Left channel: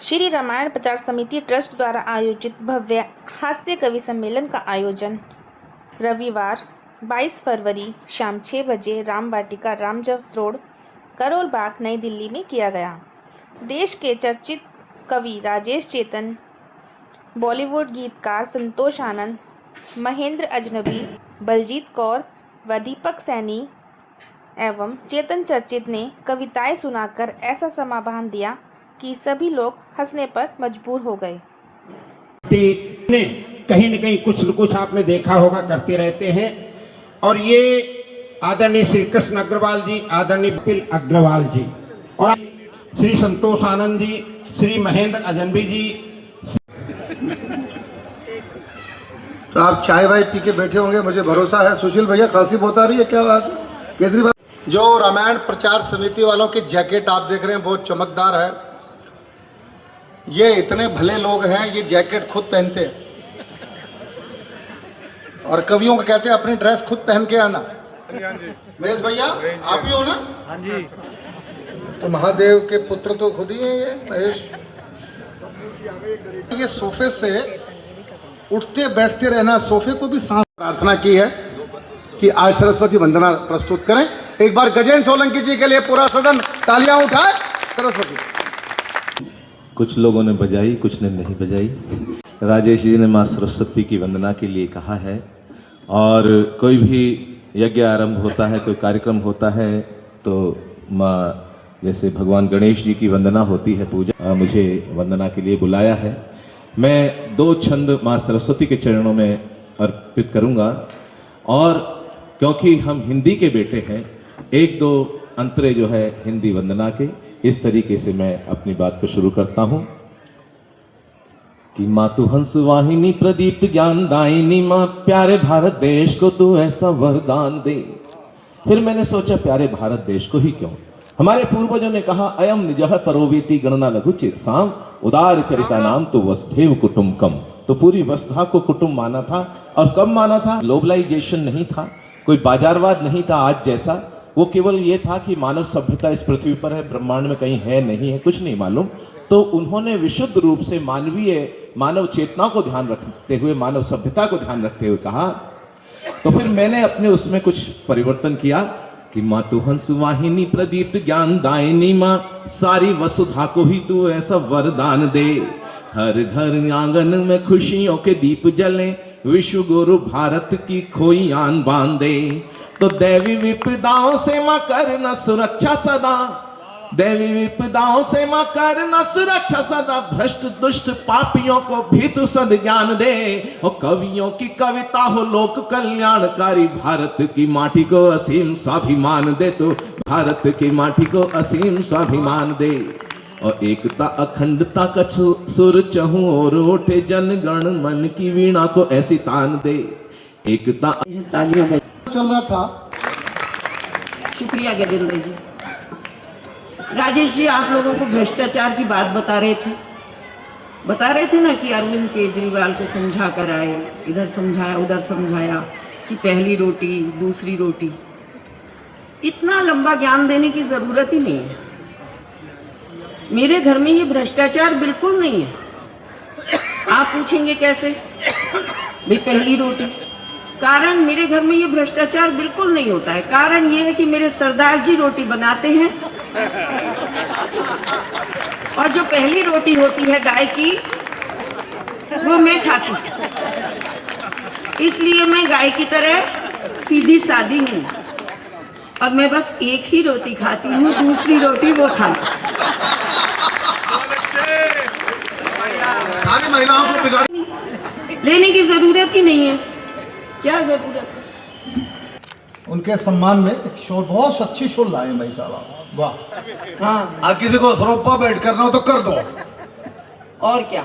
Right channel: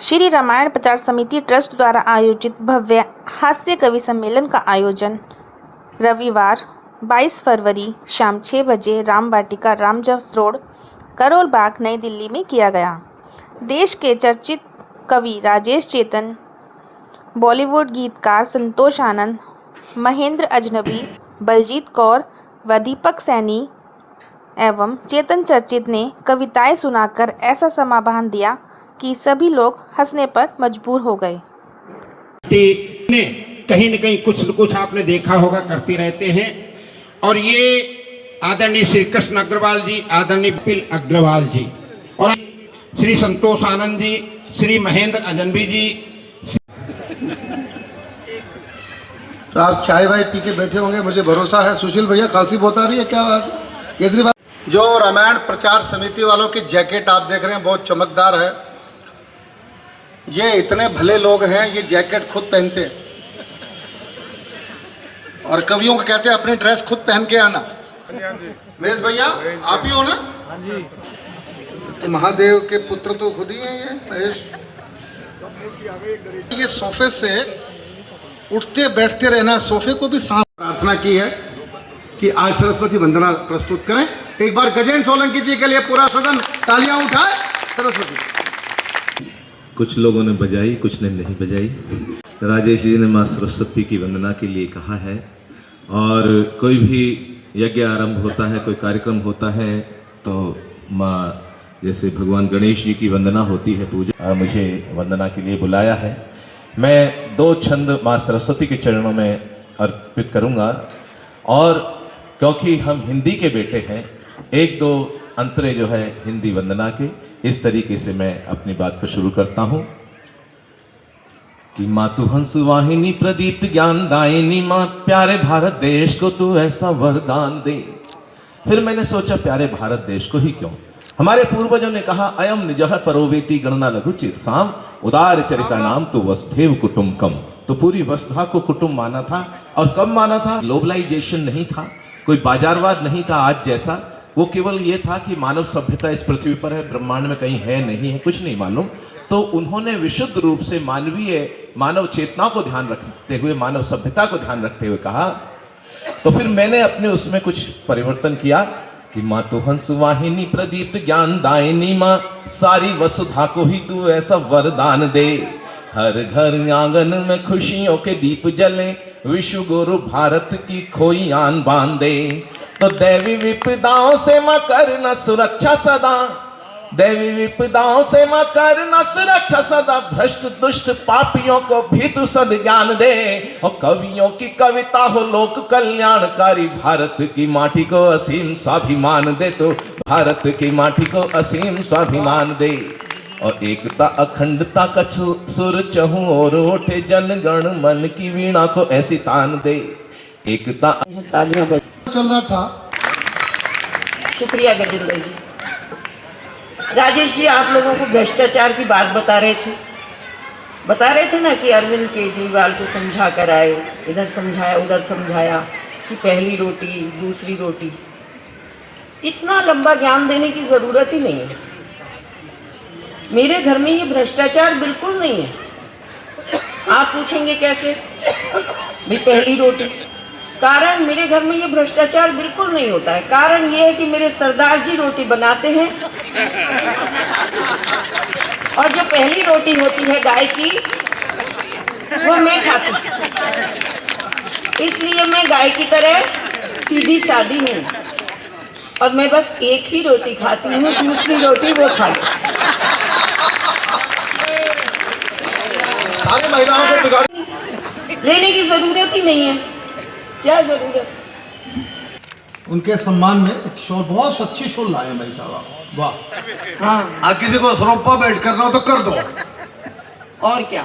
श्री रामायण प्रचार समिति ट्रस्ट द्वारा आयोजित भव्य हास्य कवि सम्मेलन का आयोजन रविवार 22 फरवरी शाम 6 बजे राम वाटिका रामजस रोड, करोल बाग, नई दिल्ली में किया गया। देश के चर्चित कवि राजेश चेतन, बॉलीवुड गीतकार संतोष आनंद, महेंद्र अजनबी, बलजीत कौर व दीपक सैनी एवं चेतन चर्चित ने कविताएं सुनाकर ऐसा समाधान दिया कि सभी लोग हंसने पर मजबूर हो गए। कहीं न कहीं कुछ न कुछ आपने देखा होगा करते रहते हैं। और ये आदरणीय श्री कृष्ण अग्रवाल जी, आदरणीय पिल अग्रवाल जी और श्री संतोष आनंद जी, श्री महेंद्र अजनबी जी। तो आप चाय वाय पी के बैठे होंगे, मुझे भरोसा है। सुशील भैया खांसी बहुत आ रही है, क्या बात? केजरीवाल जो रामायण प्रचार समिति वालों की जैकेट आप देख रहे हैं बहुत चमकदार है। ये इतने भले लोग हैं, ये जैकेट खुद पहनते हैं और कवियों को कहते हैं अपनी ड्रेस खुद पहन के आना। महेश भैया आप ही हो ना? हाँ जी। तो महादेव के पुत्र तो खुद ही हैं ये महेश। ये सोफे से उठते बैठते रहना, सोफे को भी सांस। प्रार्थना की है कि आज सरस्वती वंदना प्रस्तुत करें। एक बार गजेंद्र सोलंकी जी के लिए पूरा सदन तालियां उठाए। सरस्वती। कुछ लोगों ने बजाई, कुछ ने नहीं बजाई। राजेश जी ने माँ सरस्वती की वंदना के लिए कहा है। और कोई भी यज्ञ आरंभ होता है, कोई कार्यक्रम होता है, तो माँ जैसे भगवान गणेश जी की वंदना होती है, पूजा, मुझे वंदना के लिए बुलाया है। मैं 2 छंद माँ सरस्वती के चरणों में अर्पित करूंगा। और क्योंकि हम हिंदी के बेटे हैं, 1-2 अंतरे जो है हिंदी वंदना के, इस तरीके से मैं अपनी बात को शुरू करता हूं कि माँ तू हंस वाहिनी प्रदीप्त ज्ञान दायिनी, माँ प्यारे भारत देश को तू ऐसा वरदान दे। फिर मैंने सोचा प्यारे भारत देश को ही क्यों, हमारे पूर्वजों ने कहा अयम निजह परोवेति गणना लघु चेतसाम उदार चरिता नाम तो वसुधैव कुटुंबकम। तो पूरी वसुधा को कुटुंब माना था। और कब माना था? ग्लोबलाइजेशन नहीं था, कोई बाजारवाद नहीं था आज जैसा। वो केवल ये था कि मानव सभ्यता इस पृथ्वी पर है, ब्रह्मांड में कहीं है नहीं है, कुछ नहीं मालूम। तो उन्होंने विशुद्ध रूप से मानव चेतना को ध्यान रखते हुए, मानव सभ्यता को ध्यान रखते हुए कहा। तो फिर मैंने अपने उसमें कुछ परिवर्तन किया कि माँ तू हंस वाहिनी प्रदीप्त ज्ञान दायिनी, माँ सारी वसुधा को ही तू ऐसा वरदान दे। हर घर आंगन में खुशियों के दीप जले, विश्व गुरु भारत की खोई आन बांधे। तो दैवी विपदाओं से मां करना सुरक्षा सदा, दैवी विपदाओं से मां करना सुरक्षा सदा। भ्रष्ट दुष्ट पापियों को भी तू सद्ज्ञान दे। और कवियों की कविता हो लोक कल्याणकारी, भारत की माटी को असीम स्वाभिमान दे। तो भारत की माटी को असीम स्वाभिमान दे। और एकता अखंडता का सुर चहु और उठे, जन गण मन की वीणा को ऐसी तान दे। एकता चल रहा था। शुक्रिया गजेंद्र जी। राजेश जी, आप लोगों को भ्रष्टाचार की बात बता रहे थे ना कि अरविंद केजरीवाल को समझा कर आए, इधर समझाया उधर समझाया कि पहली रोटी दूसरी रोटी। इतना लंबा ज्ञान देने की जरूरत ही नहीं है। मेरे घर में ये भ्रष्टाचार बिल्कुल नहीं है। आप पूछेंगे कैसे भी पहली रोटी? कारण मेरे घर में ये भ्रष्टाचार बिल्कुल नहीं होता है। कारण ये है कि मेरे सरदार जी रोटी बनाते हैं और जो पहली रोटी होती है गाय की, वो मैं खाती हूँ। इसलिए मैं गाय की तरह सीधी सादी हूँ और मैं बस एक ही रोटी खाती हूँ, दूसरी रोटी वो खाती। लेने की जरूरत ही नहीं है। क्या जरूरत? उनके सम्मान में एक शॉल, बहुत अच्छी शॉल लाए भाई साहब, वाह। हाँ, किसी को सरोपा बैठ करना हो तो कर दो। और क्या?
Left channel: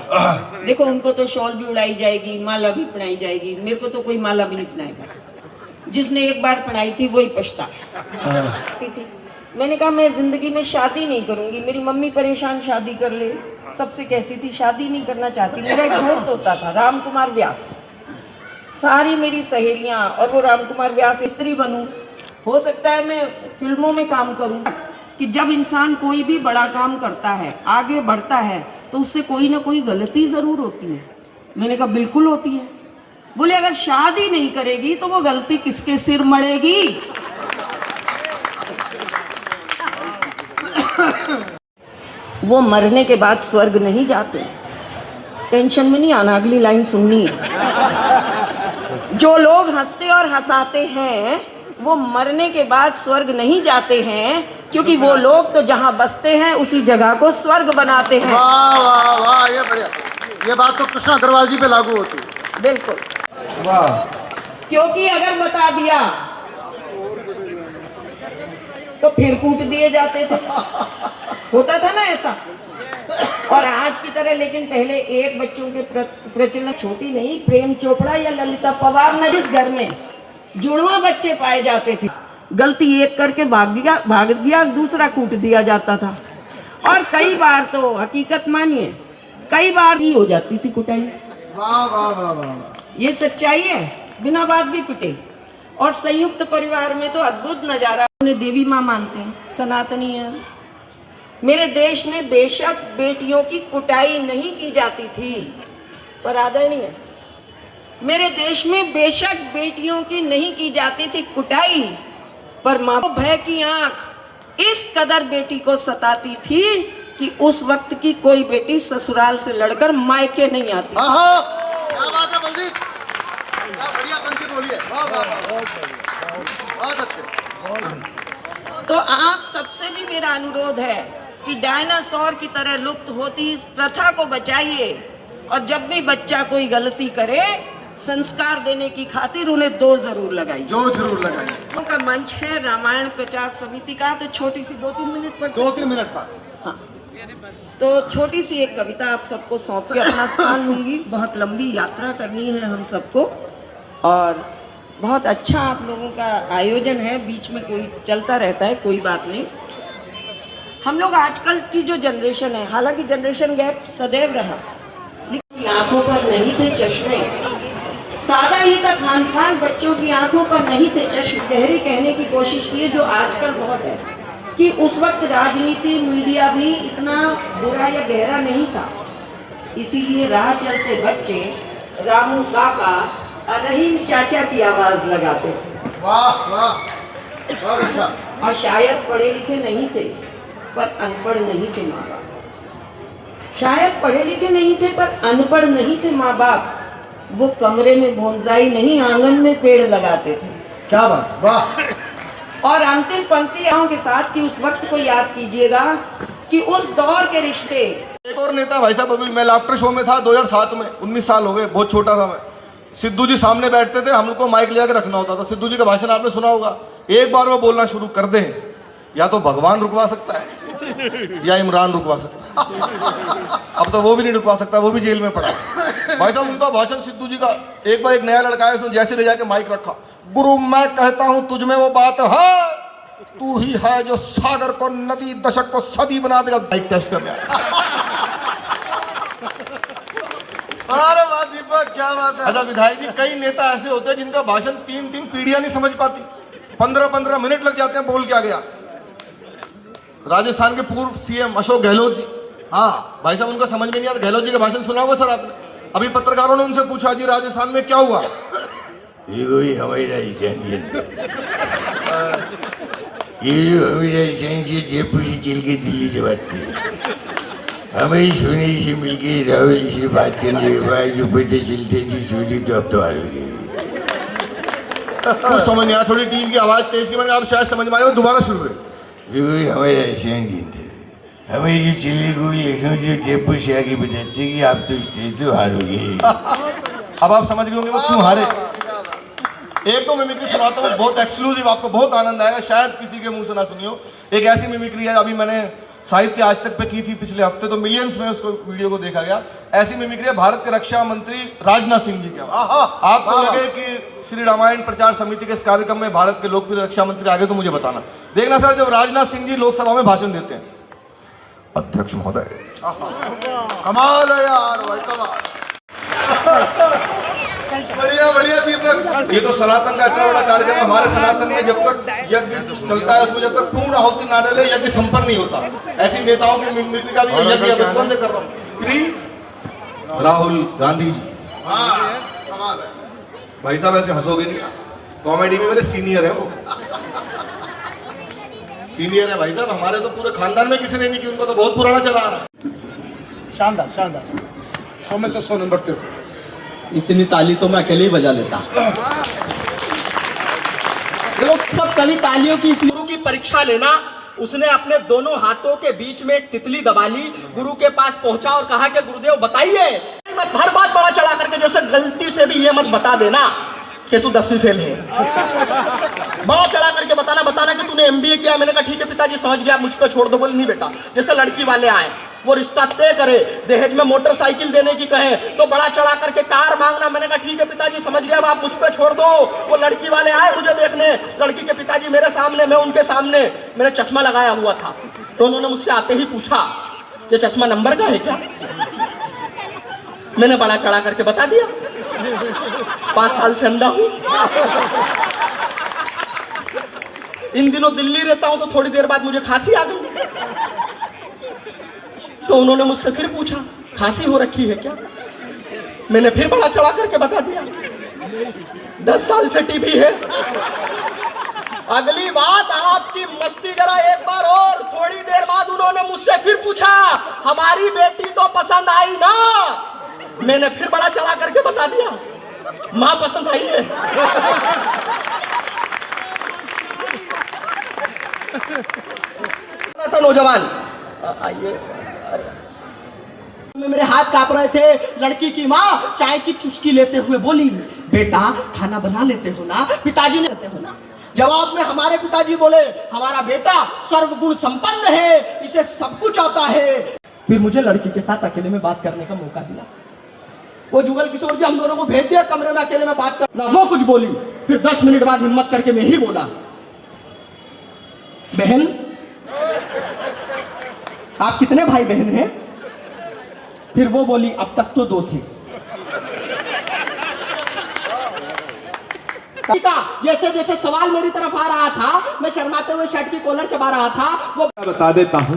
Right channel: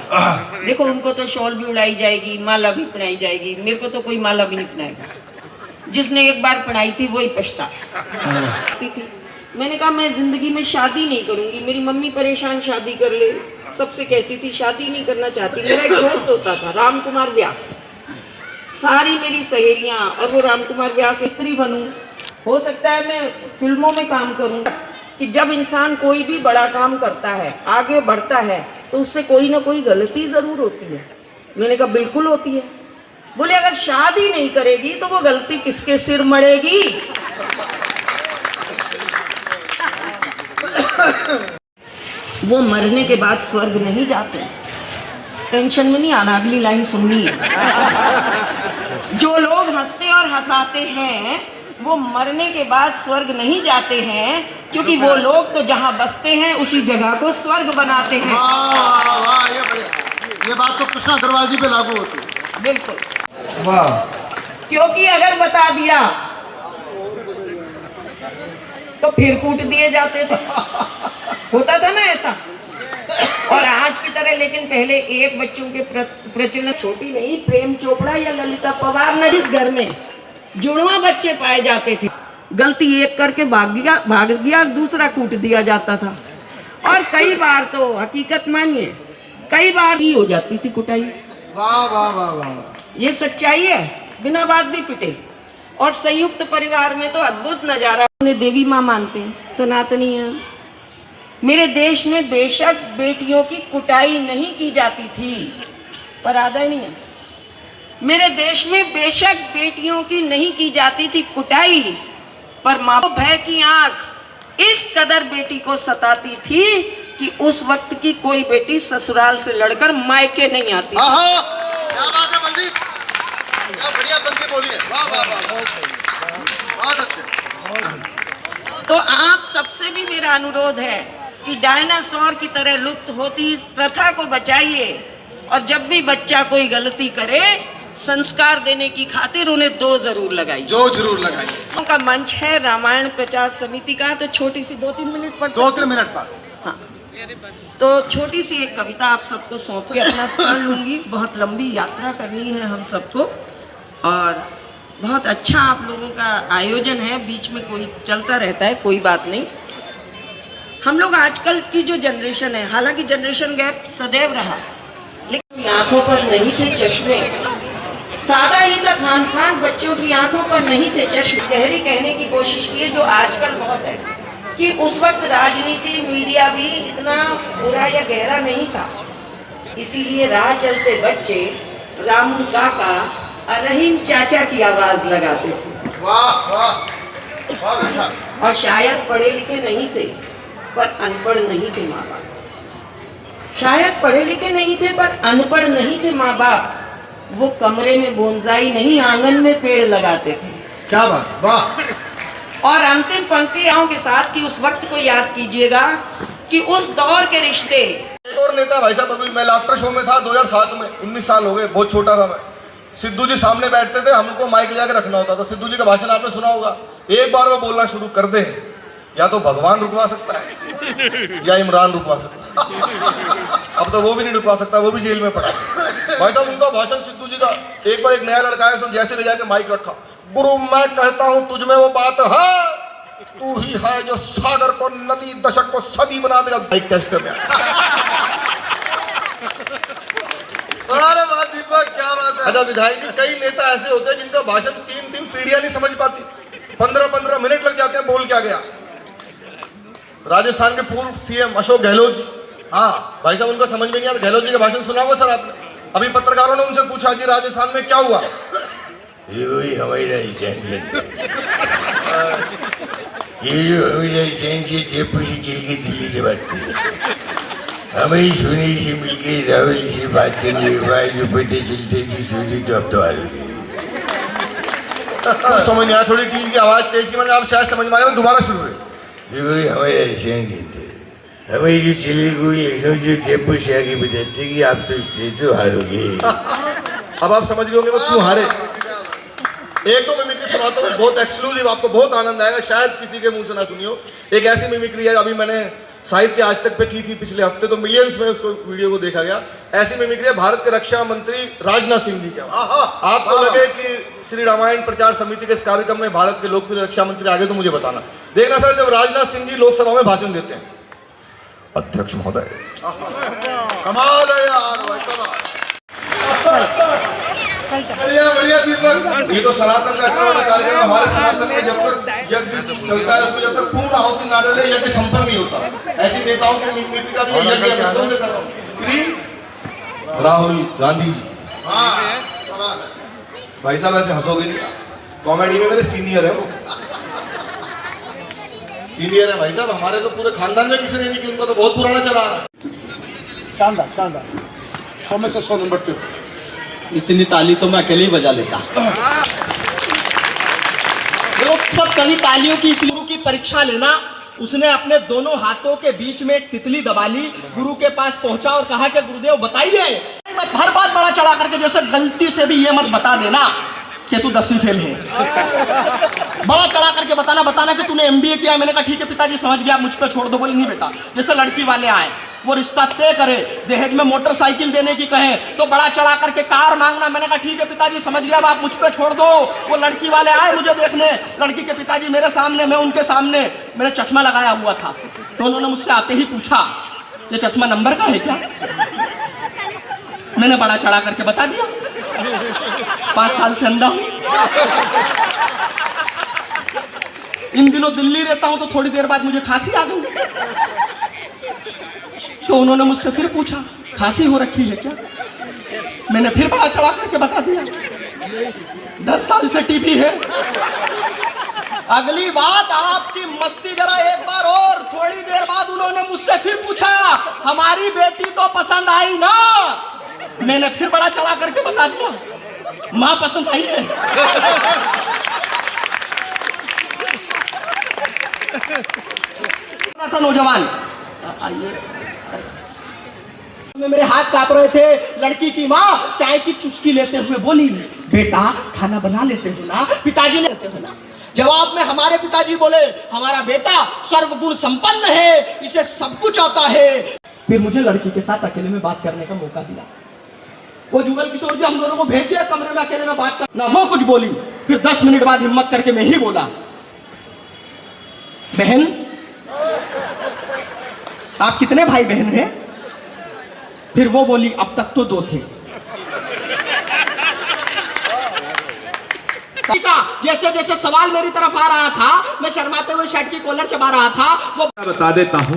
देखो, उनको तो शॉल भी उड़ाई जाएगी, माला भी पहनाई जाएगी। मेरे को तो कोई माला भी नहीं पहनाएगा। जिसने एक बार पहनाई थी वही पछता। मैंने कहा मैं जिंदगी में शादी नहीं करूंगी। मेरी मम्मी परेशान, शादी कर ले, सबसे कहती थी, शादी नहीं करना चाहती। मेरा एक दोस्त होता था राम कुमार व्यास, सारी मेरी सहेलियां, और वो राम कुमार व्यास इतनी बनूं, हो सकता है मैं फिल्मों में काम करूं। कि जब इंसान कोई भी बड़ा काम करता है, आगे बढ़ता है, तो उससे कोई ना कोई गलती ज़रूर होती है। मैंने कहा बिल्कुल होती है। बोले अगर शादी नहीं करेगी तो वो गलती किसके सिर मड़ेगी? वो मरने के बाद स्वर्ग नहीं जाते। टेंशन में नहीं आना, अगली लाइन सुननी है। जो लोग हंसते और हंसाते हैं वो मरने के बाद स्वर्ग नहीं जाते हैं, क्योंकि वो लोग तो जहां बसते हैं उसी जगह को स्वर्ग बनाते हैं। वाह वाह वाह, ये बढ़िया। ये बात तो कृष्ण अग्रवाल जी पे लागू होती है। बिल्कुल, वाह। क्योंकि अगर बता दिया तो फिर कूट दिए जाते थे, होता था ना ऐसा। और आज की तरह लेकिन पहले एक बच्चों के प्रचलन, छोटी नहीं, प्रेम चोपड़ा या ललिता पवार न, जिस घर में जुड़वा बच्चे पाए जाते थे, गलती एक करके भाग गया दूसरा कूट दिया जाता था। और कई बार तो हकीकत मानिए, कई बार ही हो जाती थी कुटाई। वाह वाह वाह वाह, ये सच्चाई है, बिना बात भी पिटे। और संयुक्त परिवार में तो अद्भुत नजारा। उन्हें देवी माँ मानते हैं, सनातनी है। मेरे देश में बेशक बेटियों की कुटाई नहीं की जाती थी, पर आदरणीय, मेरे देश में बेशक बेटियों की नहीं की जाती थी कुटाई, पर माँ भय की आंख इस कदर बेटी को सताती थी कि उस वक्त की कोई बेटी ससुराल से लड़कर मायके नहीं आती। आहा, क्या बात है बलजीत, क्या बढ़िया बंदी बोली है। वाह वाह वाह, बहुत अच्छे। तो आप सबसे भी मेरा अनुरोध है कि डायनासोर की तरह लुप्त होती इस प्रथा को बचाइए, और जब भी बच्चा कोई गलती करे संस्कार देने की खातिर उन्हें 2 जरूर लगाइए। जो जरूर लगाइए। उनका मंच है रामायण प्रचार समिति का, तो छोटी सी 2-3 मिनट पर 2-3 मिनट बस। हाँ, तो छोटी सी एक कविता आप सबको सौंप के अपना स्थान लूंगी। बहुत लंबी यात्रा करनी है हम सबको, और बहुत अच्छा आप लोगों का आयोजन है, बीच में कोई चलता रहता है, कोई बात नहीं। हम लोग आजकल की जो जनरेशन है, हालांकि जनरेशन गैप सदैव रहा, लेकिन आंखों पर नहीं थे चश्मे, सादा ही था खान पान, बच्चों की आंखों पर नहीं थे चश्मे। गहरी कहने की कोशिश की जो आजकल बहुत है कि उस वक्त राजनीति मीडिया भी इतना बुरा या गहरा नहीं था, इसीलिए राह चलते बच्चे रामू काका और रहीम चाचा की आवाज लगाते थे। वाह वाह, बहुत अच्छा। और शायद पढ़े लिखे नहीं थे पर अनपढ़ नहीं थे माँ बाप। शायद पढ़े लिखे नहीं थे पर अनपढ़ नहीं थे माँ बाप। वो कमरे में बोनसाई नहीं, आंगन में पेड़ लगाते थे। क्या बात, वाह। और अंतिम पंक्तियों के साथ कि उस वक्त को याद कीजिएगा कि उस दौर के रिश्ते। एक और नेता भाई साहब, अभी मैं लाफ्टर शो में था 2007 में, 19 साल हो गए, बहुत छोटा था मैं। सिद्धू जी सामने बैठते थे, हमको माइक ले जाकर रखना होता था। सिद्धू जी का भाषण आपने सुना होगा, एक बार वो बोलना शुरू कर दे, या तो भगवान रुकवा सकता है या इमरान रुकवा सकता है। अब तो वो भी नहीं रुकवा सकता, वो भी जेल में पड़ा है। भाई साहब उनका भाषण सिद्धू जी का, एक बार एक नया लड़का है, उसने जैसे ले जाकर माइक रखा, गुरु मैं कहता हूं तुझ में वो बात है, तू ही है जो सागर को नदी, दशक को सदी बना देगा। माइक टेस्ट कर क्या बात है। अच्छा विधायक जी, कई नेता ऐसे होते हैं जिनका भाषण 3 पीढ़ियां नहीं समझ पाती, 15 मिनट लग जाते हैं, बोल क्या गया। राजस्थान के पूर्व सीएम अशोक गहलोत जी, हाँ भाई साहब उनका समझ में नहीं आता। गहलोत जी का भाषण सुना होगा सर आपने? अभी पत्रकारों ने उनसे पूछा जी राजस्थान में क्या हुआ, ये हुई हमारी राजस्थान से जयपुर से चल के दिल्ली से बात की, हमें सोने से मिलके राहुल से बात करने के बाद जो बेटे चलते थे सोनी तो अब तो आ रही समझ आया। थोड़ी टीम की आवाज तेज की, मैंने आप शायद समझ में आया, मैं दोबारा शुरू कर। हमारे हमें ये चले कोई जो जयपुर से आगे बताते कि आप तो स्टेज तो हारोगे। अब आप समझ गए होंगे वो क्यों हारे। एक दो मिमिक्री सुनाता हूँ, बहुत एक्सक्लूसिव, आपको बहुत आनंद आएगा, शायद किसी के मुंह से ना सुनी हो। एक ऐसी मिमिक्री है, अभी मैंने साहित्य आज तक पे की थी पिछले हफ्ते, तो मिलियंस में उसको वीडियो को देखा गया। ऐसी मिमिक्री है भारत के रक्षा मंत्री राजनाथ सिंह जी का। आपको लगे कि श्री रामायण प्रचार समिति के इस कार्यक्रम में भारत के लोकप्रिय रक्षा मंत्री आगे, तो मुझे बताना। देखना सर, जब राजनाथ सिंह जी लोकसभा में भाषण देते हैं, अध्यक्ष महोदय, कमाल है यार, बढ़िया बढ़िया दीपक। ये तो सनातन का इतना बड़ा कार्यक्रम है। हमारे सनातन में जब तक यज्ञ चलता है, उसमें जब तक पूर्ण आहुति ना डले यज्ञ संपन्न नहीं होता। ऐसी नेताओं की मिमिक्री का भी यज्ञ बचपन से कर रहा हूँ। एंट्री राहुल गांधी जी। भाई साहब ऐसे हंसोगे नहीं, कॉमेडी में मेरे सीनियर है वो, सीनियर है भाई साहब। हमारे तो पूरे खानदान में किसी ने नहीं की, उनका तो बहुत पुराना चला आ रहा है। शानदार शानदार, 100 में से 100 नंबर पे। इतनी ताली तो मैं अकेले ही बजा लेता। लोग सब कभी तालियों की, इस गुरु की परीक्षा लेना। उसने अपने दोनों हाथों के बीच में एक तितली दबा ली, गुरु के पास पहुंचा और कहा कि गुरुदेव बताइए। मत हर बात बड़ा चढ़ा करके, जैसे गलती से भी ये मत बता देना कि तू 10वीं फेल है। बड़ा चढ़ा करके बताना कि तूने MBA किया है। मैंने कहा ठीक है पिताजी समझ गया, मुझ पे छोड़ दो। बोले नहीं बेटा, जैसे लड़की वाले आए वो रिश्ता तय करे, दहेज में मोटरसाइकिल देने की कहें तो बड़ा चढ़ा करके कार मांगना। मैंने कहा ठीक है पिताजी समझ गया, आप मुझ पे छोड़ दो। वो लड़की वाले आए मुझे देखने, लड़की के पिताजी मेरे सामने, मैं उनके सामने। मैंने चश्मा लगाया हुआ था तो उन्होंने मुझसे आते ही पूछा ये चश्मा नंबर का है क्या? मैंने बड़ा चढ़ा करके बता दिया। 5 साल से अंधा हूं। इन दिनों दिल्ली रहता हूं तो थोड़ी देर बाद मुझे खांसी आ गई। तो उन्होंने मुझसे फिर पूछा खांसी हो रखी है क्या? मैंने फिर बड़ा चढ़ा करके बता दिया 10 साल से टीबी है। अगली बात आपकी मस्ती जरा एक बार और। थोड़ी देर बाद उन्होंने मुझसे फिर पूछा हमारी बेटी तो पसंद आई ना? मैंने फिर बड़ा चढ़ा करके बता दिया मां पसंद आई है। था नौजवान, आइए, मेरे हाथ कांप रहे थे। लड़की की माँ चाय की चुस्की लेते हुए बोली बेटा खाना बना लेते हो ना? पिताजी ने लेते हो ना? जवाब में हमारे पिताजी बोले हमारा बेटा सर्वगुण संपन्न है, इसे सब कुछ आता है। फिर मुझे लड़की के साथ अकेले में बात करने का मौका दिया। वो जुगल किशोर जी हम दोनों को भेज दिया कमरे में अकेले में बात करना। वो कुछ बोली, फिर 10 मिनट बाद हिम्मत करके मैं ही बोला बहन आप कितने भाई बहन हैं? फिर वो बोली अब तक तो 2 थे। जैसे जैसे सवाल मेरी तरफ आ रहा था मैं शर्माते हुए शर्ट की कॉलर चबा रहा था। वो बता देता हूँ,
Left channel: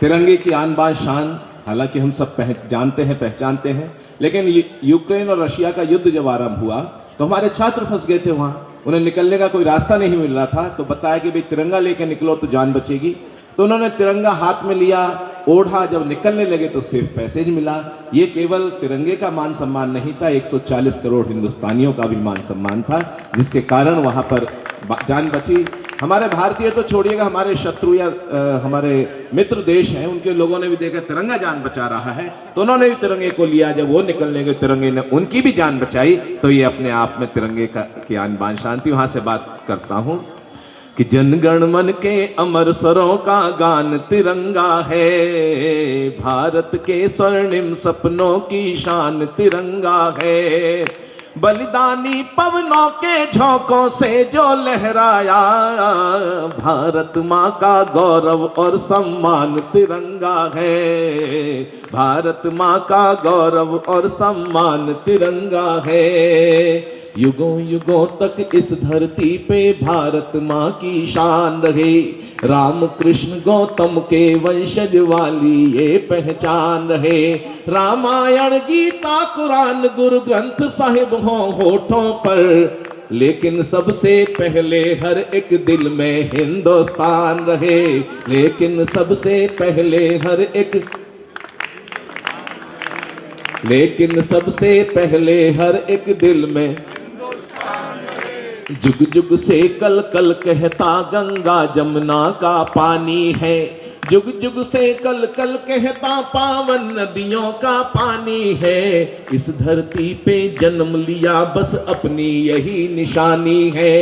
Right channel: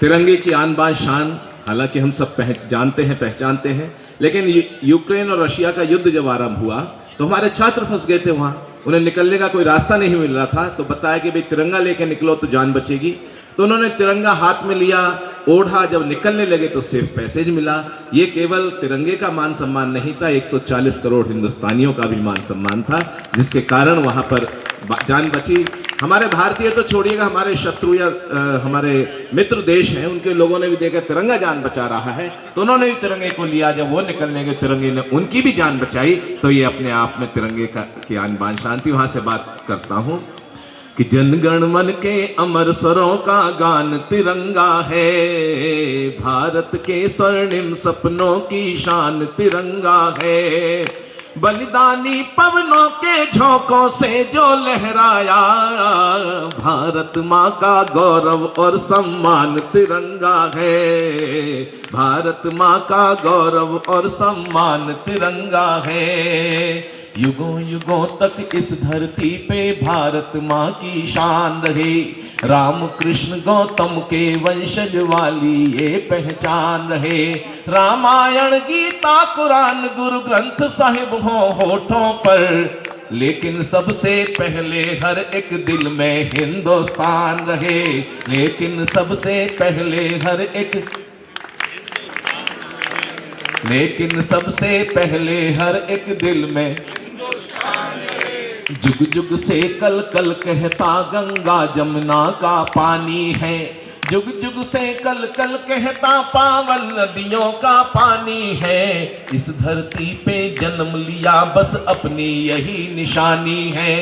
तिरंगे की आन बान शान हालांकि हम सब जानते हैं पहचानते हैं, लेकिन यूक्रेन और रशिया का युद्ध जब आरंभ हुआ तो हमारे छात्र फंस गए थे वहाँ, उन्हें निकलने का कोई रास्ता नहीं मिल रहा था। तो बताया कि भाई तिरंगा लेके निकलो तो जान बचेगी। तो उन्होंने तिरंगा हाथ में लिया, ओढ़ा, जब निकलने लगे तो सिर्फ पैसेज मिला। ये केवल तिरंगे का मान सम्मान नहीं था, 140 करोड़ हिंदुस्तानियों का भी मान सम्मान था, जिसके कारण वहाँ पर जान बची। हमारे भारतीय तो छोड़िएगा, हमारे शत्रु या हमारे मित्र देश हैं, उनके लोगों ने भी देखा तिरंगा जान बचा रहा है तो उन्होंने भी तिरंगे को लिया। जब वो निकलने गए तिरंगे ने उनकी भी जान बचाई। तो ये अपने आप में तिरंगे की आन बान शांति। वहां से बात करता हूं कि जनगण मन के अमर स्वरों का गान तिरंगा है, भारत के स्वर्णिम सपनों की शान तिरंगा है। बलिदानी पवनों के झोंकों से जो लहराया, भारत माँ का गौरव और सम्मान तिरंगा है, भारत माँ का गौरव और सम्मान तिरंगा है। युगों युगों तक इस धरती पे भारत माँ की शान रहे, राम कृष्ण गौतम के वंशज वाली ये पहचान रहे। रामायण गीता कुरान गुरु ग्रंथ साहिब हो होठों पर, लेकिन सबसे पहले हर एक दिल में हिंदुस्तान रहे, लेकिन सबसे पहले हर एक दिल में जुग जुग से कल कल कहता गंगा जमुना का पानी है, जुग जुग से कल कल कहता पावन नदियों का पानी है। इस धरती पे जन्म लिया बस अपनी यही निशानी है।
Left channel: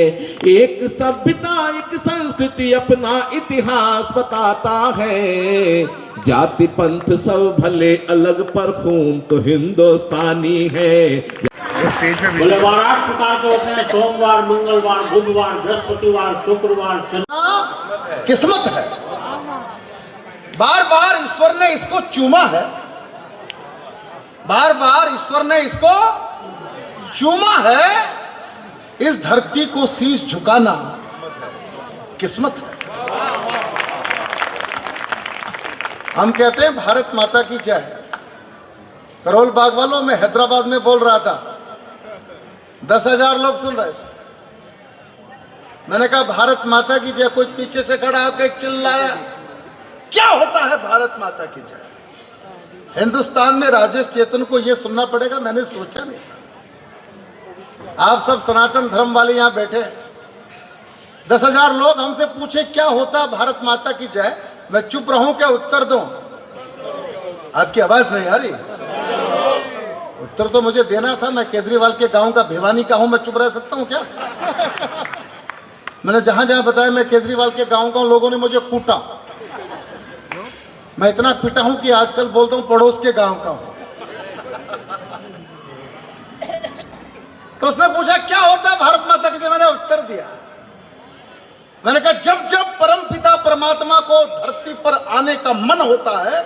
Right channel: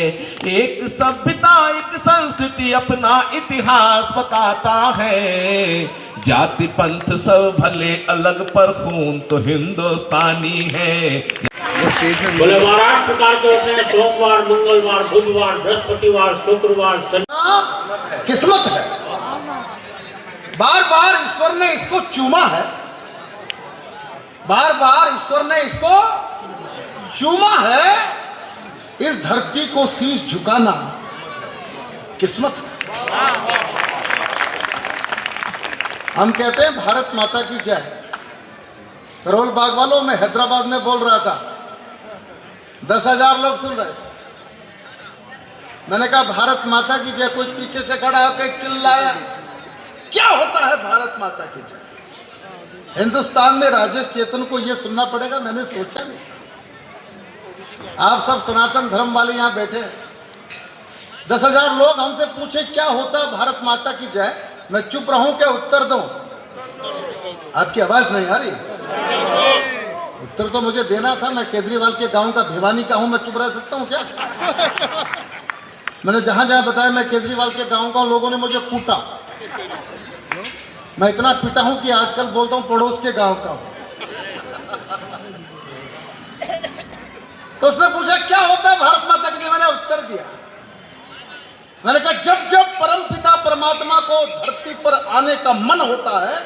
एक सभ्यता एक संस्कृति अपना इतिहास बताता है, जाति पंथ सब भले अलग पर खून तो हिंदुस्तानी है। बोले महाराष्ट्र का जो है सोमवार मंगलवार बुधवार बृहस्पतिवार शुक्रवार किस्मत है। बार बार ईश्वर ने इसको चूमा है, बार बार ईश्वर ने इसको चूमा है। इस धरती को शीश झुकाना किस्मत है। हम कहते हैं भारत माता की जय, करोल बाग वालों में हैदराबाद में बोल रहा था, 10,000 लोग सुन रहे थे। मैंने कहा भारत माता की जय। कोई पीछे से खड़ा होकर चिल्लाया, क्या होता है भारत माता की जय? हिंदुस्तान में राजेश चेतन को यह सुनना पड़ेगा, मैंने सोचा नहीं। आप सब सनातन धर्म वाले यहां बैठे, 10,000 लोग हमसे पूछे क्या होता है भारत माता की जय, मैं चुप रहूं क्या उत्तर दूं? आपकी आवाज नहीं आ रही? उत्तर तो मुझे देना था। मैं केजरीवाल के गांव का भिवानी का हूं, मैं चुप रह सकता हूं क्या? मैंने जहां जहां बताया मैं केजरीवाल के गांव का हूं, लोगों ने मुझे कूटा। मैं इतना पिटा हूं कि आजकल बोलता हूं पड़ोस के गांव का हूं। तो उसने पूछा क्या होता है भारत माता की जय, मैंने उत्तर दिया। मैंने कहा जब जब परमपिता परमात्मा को धरती पर आने का मन होता है,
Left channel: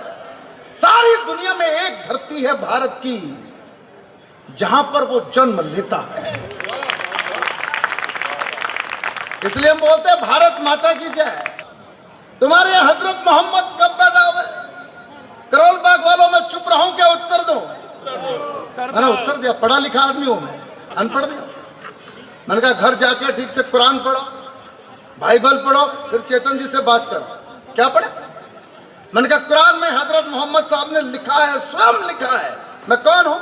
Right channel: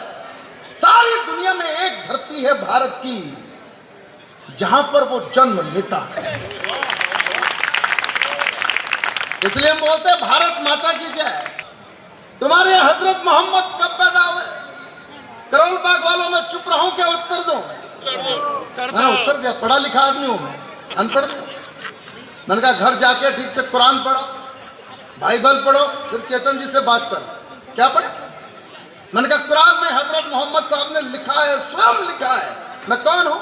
सारी दुनिया में एक धरती है भारत की जहां पर वो जन्म लेता है। इसलिए हम बोलते हैं भारत माता की जय। तुम्हारे यहाँ हजरत मोहम्मद कब पैदा हुए? करोल बाग वालों में चुप रहूं क्या उत्तर दो? मैंने उत्तर दिया, पढ़ा लिखा आदमी हूं मैं, अनपढ़ नहीं। मैंने कहा घर जाके ठीक से कुरान पढ़ो, बाइबल पढ़ो, फिर चेतन जी से बात करो। क्या पढ़े? मैंने कहा कुरान में हजरत मोहम्मद साहब ने लिखा है, स्वयं लिखा है। मैं कौन हूं?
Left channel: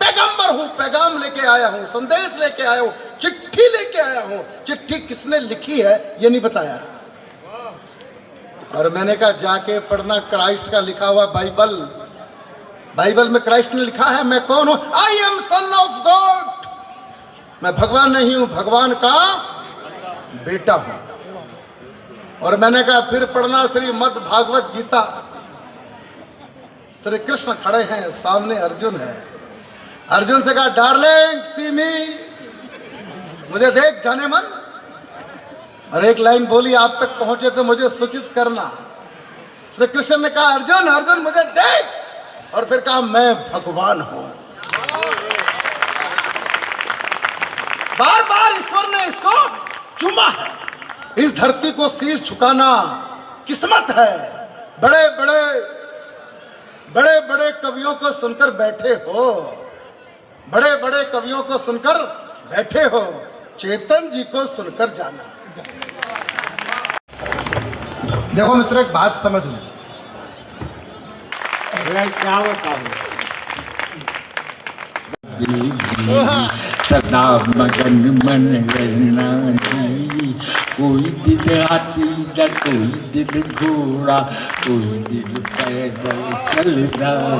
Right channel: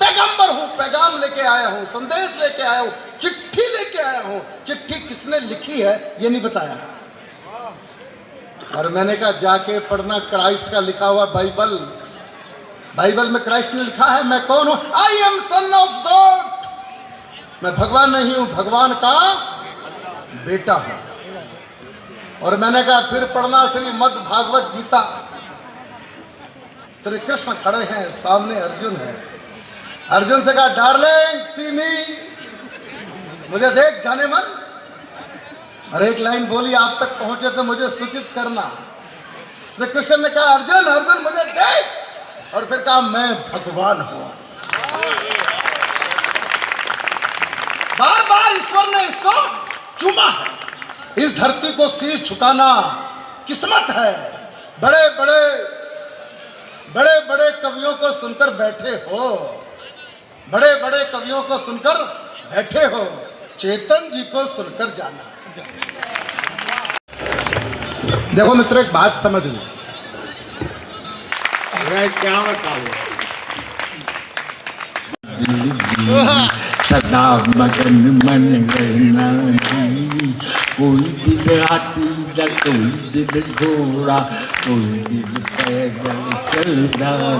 पैगंबर हूं, पैगाम लेके आया हूं, संदेश लेके आया हूं, चिट्ठी लेके आया हूं। चिट्ठी किसने लिखी है ये नहीं बताया। और मैंने कहा जाके पढ़ना क्राइस्ट का लिखा हुआ बाइबल। बाइबल में क्राइस्ट ने लिखा है मैं कौन हूं? I am son of God. मैं भगवान नहीं हूं, भगवान का बेटा हूं। और मैंने कहा फिर पढ़ना श्रीमद् भागवत गीता। श्री कृष्ण खड़े हैं, सामने अर्जुन है। अर्जुन से कहा डार्लिंग सी मी, मुझे देख जाने मन। और एक लाइन बोली, आप तक पहुंचे तो मुझे सूचित करना। श्री कृष्ण ने कहा अर्जुन अर्जुन मुझे देख, और फिर कहा मैं भगवान हूं। बार बार ईश्वर ने इसको चूमा है। इस धरती को शीश झुकाना किस्मत है। बड़े बड़े कवियों को सुनकर बैठे हो, बड़े बड़े कवियों को सुनकर बैठे हो, चेतन जी को सुनकर जाना। देखो मित्रों एक बात समझ लो, क्या बताऊं? सदा मगन मन रहना जी, कोई दिल हाथी या कोई दिल घोड़ा, कोई दिल पैदल चल रहा,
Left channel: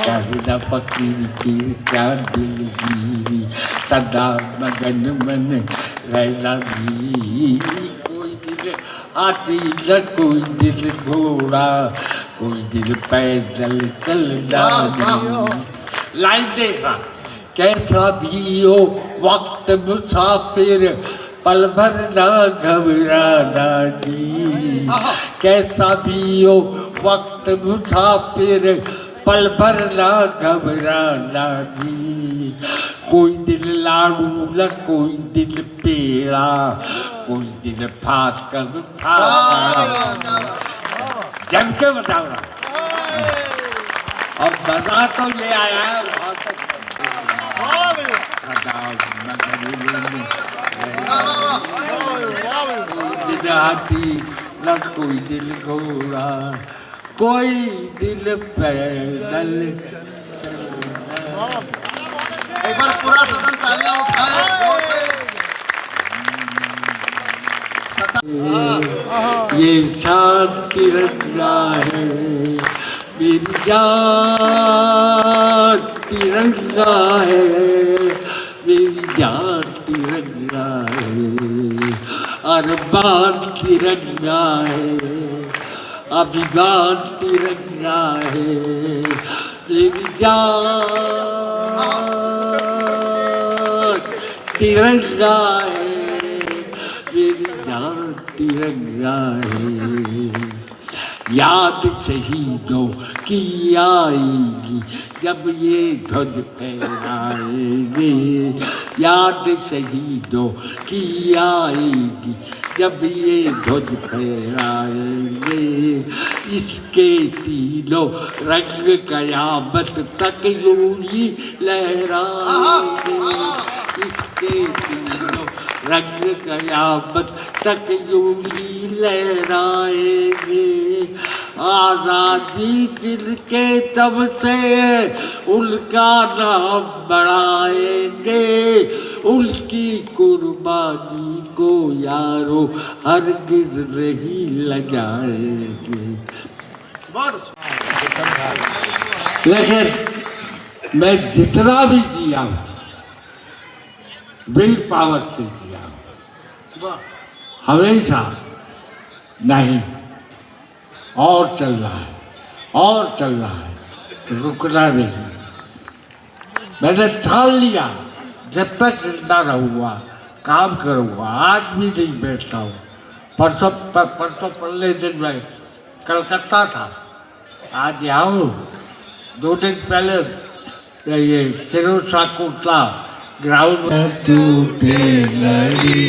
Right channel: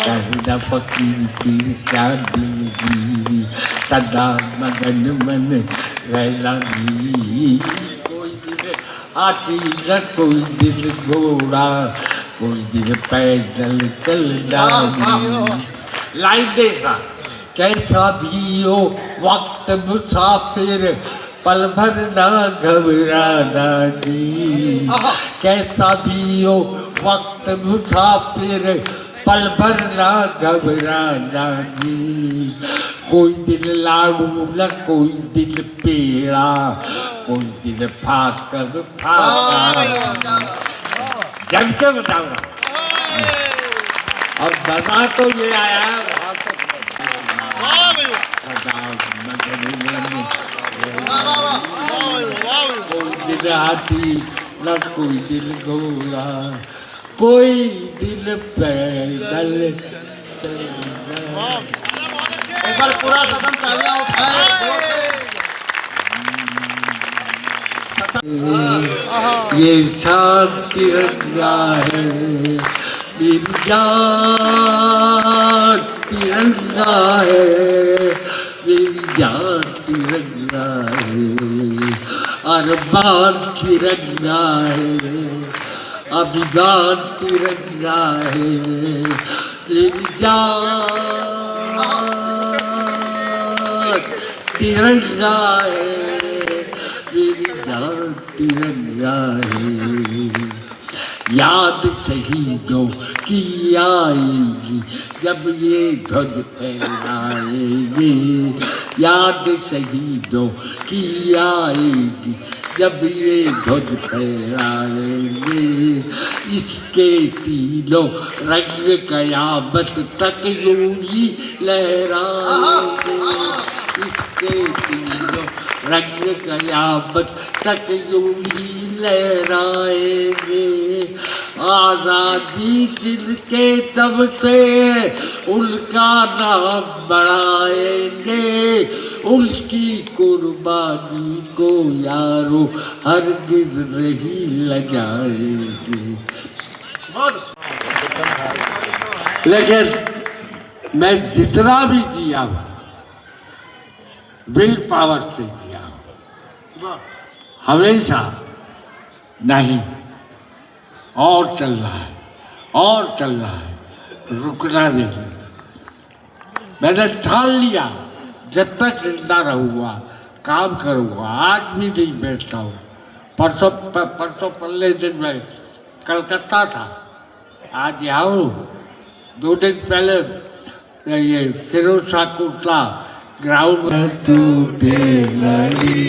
कहना फकीर की क्या दिल जी, सदा मगन मन रहना जी, कोई दिल हाथी या कोई दिल घोड़ा, कोई दिल पैदल चल रहा। लाइन देखा कैसा भी हो वक्त मुसाफिर, पल भर ना घबराना जी। कैसा भी हो वक्त मुसाफिर, पल भर ना घबराना जी। कोई दिल लाडू न कोई दिल पेड़ा, कोई दिल फाकर फाका। जम के बताओ और बता तो ले आया है वहां तक। कोई दिल हाथी न कोई दिल घोड़ा, कोई दिल पैदल चलना। एक बार पूरा सदन तालियां उठाए। ये शान तिरंगा है, मेरी जान तिरंगा है, मेरी जान तिरंगा है, अरमान तिरंगा है, अभिमान तिरंगा है, मेरी जान तिरंगा है, मेरी जान तिरंगा है। याद शहीदों की आएगी जब ये ध्वज फहराएंगे, याद शहीदों की आएगी जब ये ध्वज फहराएंगे, इसके तीनों रंग कयामत तक यूं ही लहराएंगे, इसके तीनों रंग कयामत तक यूं ही लहराएंगे। आज़ादी जिनके दम से उनका नाम बढ़ाएंगे, उनकी कुर्बानी को यारो हरगिज नहीं लगाएंगे। लेकिन मैं जितना भी जिया हूँ विल पावर से जिया हूँ, हमेशा नहीं और चल रहा है और चल रहा है, रुकना नहीं। मैंने ठान लिया जब तक जिंदा रहूँगा काम करूँगा, आज भी नहीं बैठता हूँ। परसों पहले दिन मैं कलकत्ता था, आज यहाँ हूँ। 2 दिन पहले ये फिरोज शाह कोटला ग्राउंड में टूटे लड़ी।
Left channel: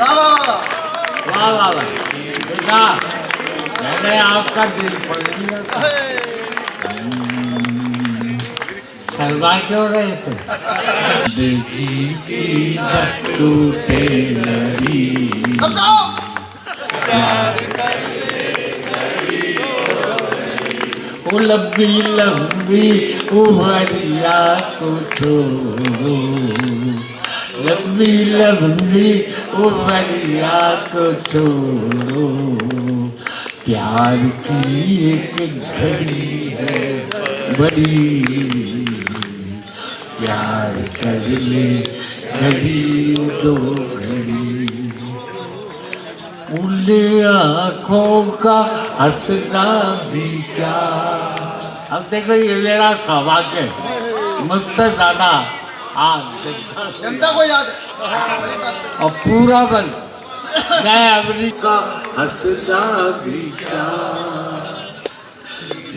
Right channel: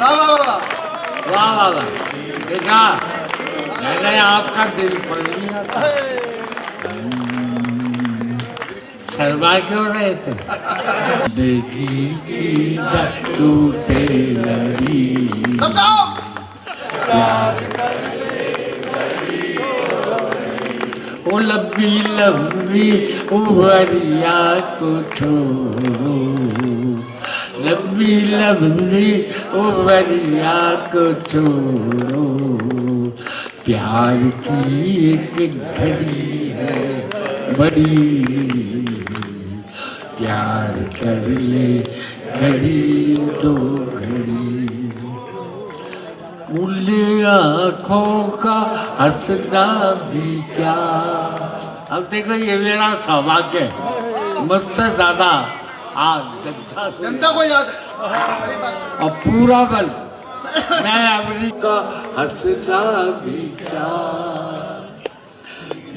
वाह वाह वाह, देखा मैंने आपका दिल पढ़ लिया था। शर्मा क्यों रहे थे? देखी टूटे लड़ी, वो लंबी लंबी उमरिया को छोड़ो, लंबी लंबी उमरिया को छोड़ो, प्यार की एक घड़ी है बड़ी, प्यार कर ले घड़ी दो घड़ी। उन आँखों का हंसना भी क्या। अब देखो ये मेरा सौभाग्य है, मुझसे ज़्यादा आप जनता को याद है। और पूरा बल मैं अमेरिका हंसना भी क्या,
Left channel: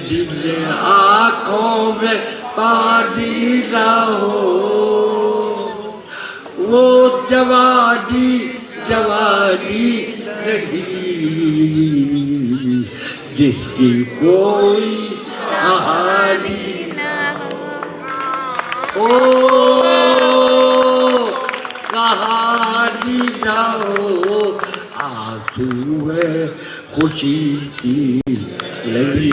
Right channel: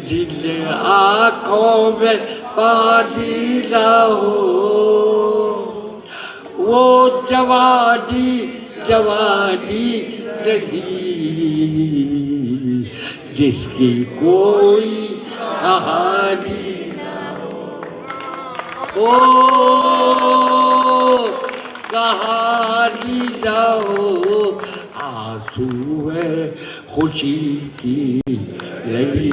जिन आँखों में पानी ना हो, वो जवानी जवानी नहीं, जिसकी कोई कहानी ओ कहानी ना हो, आंसू है खुशी की लड़ी,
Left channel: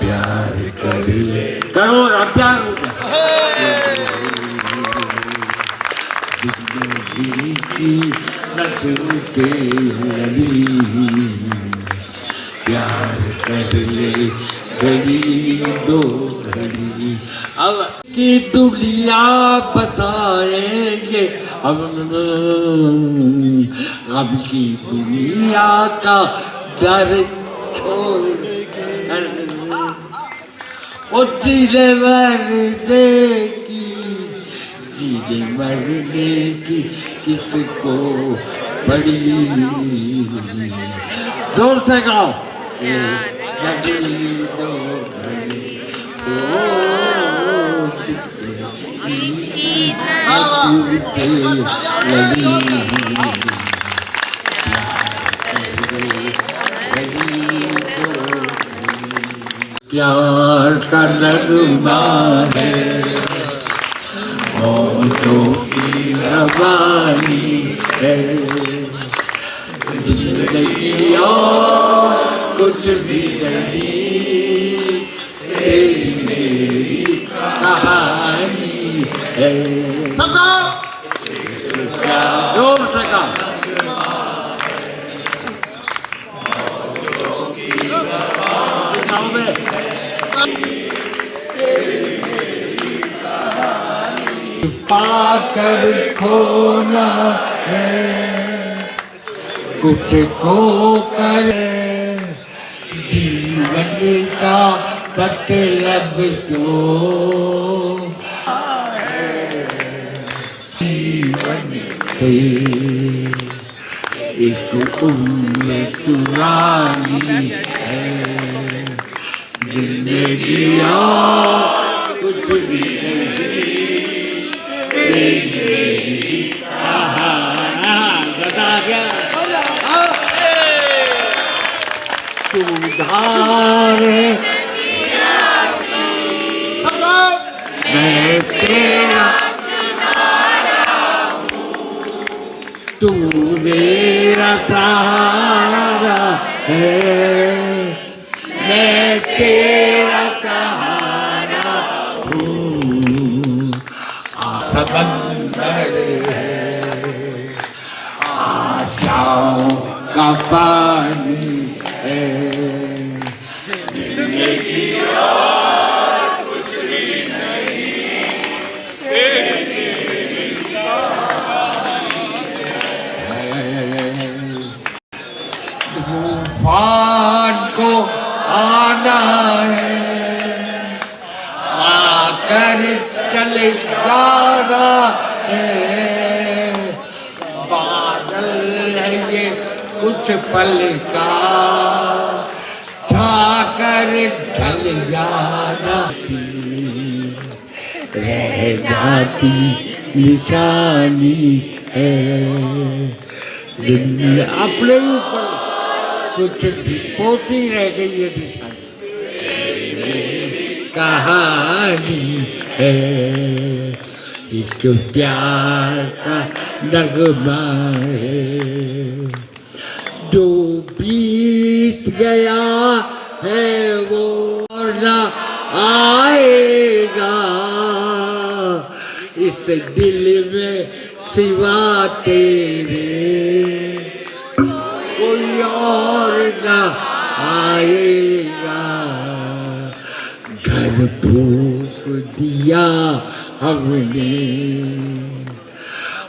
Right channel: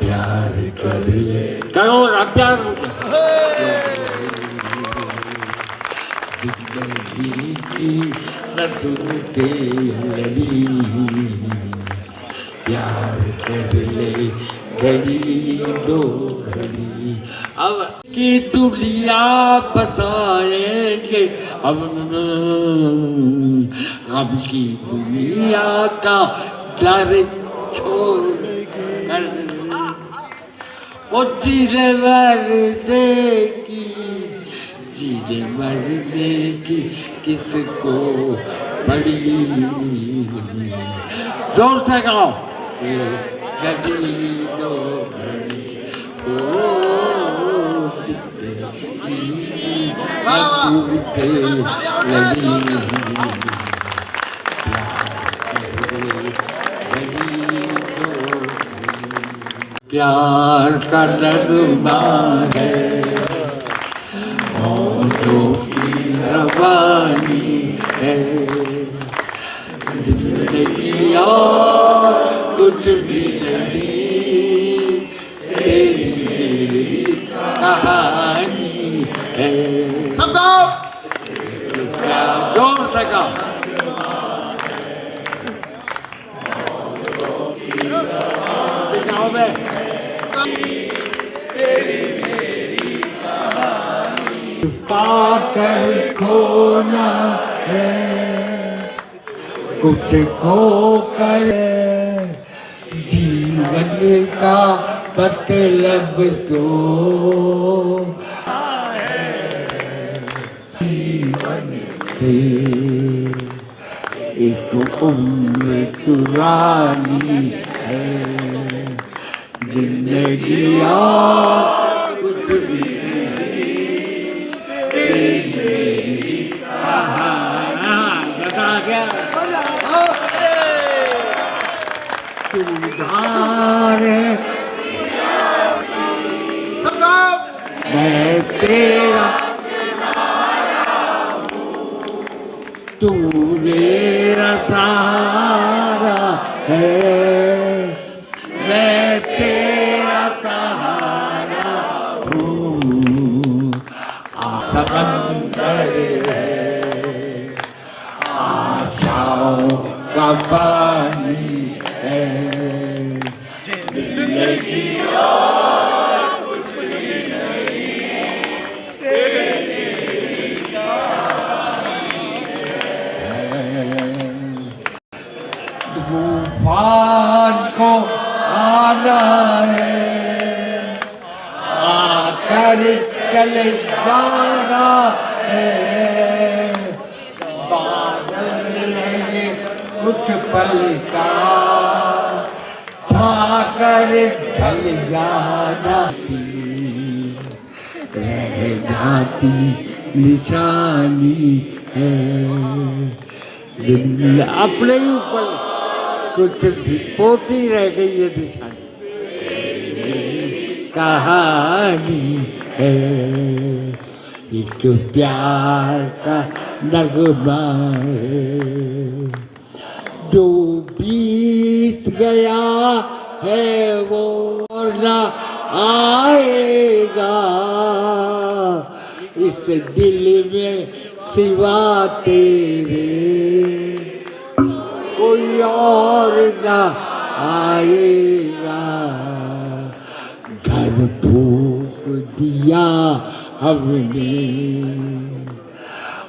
प्यार कर ले करो ना प्यार जिंदगी की न टूटे लड़ी, प्यार कर ले घड़ी दो घड़ी। अब की दुनिया बसाएंगे हम, गम की दुनिया का डर छोड़ कर, वो जीने मरने की, जीने मरने की किसको पड़ी। जोर से गाओ, घड़ी दो घड़ी टूटे लड़ी, प्यार का नगमा है मौजों की रवानी है, जिंदगी और कुछ भी नहीं, तेरी मेरी कहानी है। जोर से गाओ। पाकर खोना है कुछ खोकर, जीवन का मतलब तो जीवन से एक उम्र चुरानी है, जिंदगी कुछ भी बता गया तू उधार मैं तेरा तू मेरा सहारा है मैं तेरा सहारा हूँ समंदर है आशाओं का पानी है तूफान को आना है आकर चले जाना है बादल है कुछ पल का छाकर ढल जाना रह जाती निशानी है दुनिया अपने ऊपर कुछ भी पोती रह गई है निशानी कहानी है एक प्यार का नगमा है जो बीत गया है वो ना आएगा इस दिल में सिवा तेरे कोई और ना आएगा घर फूक दिया हमने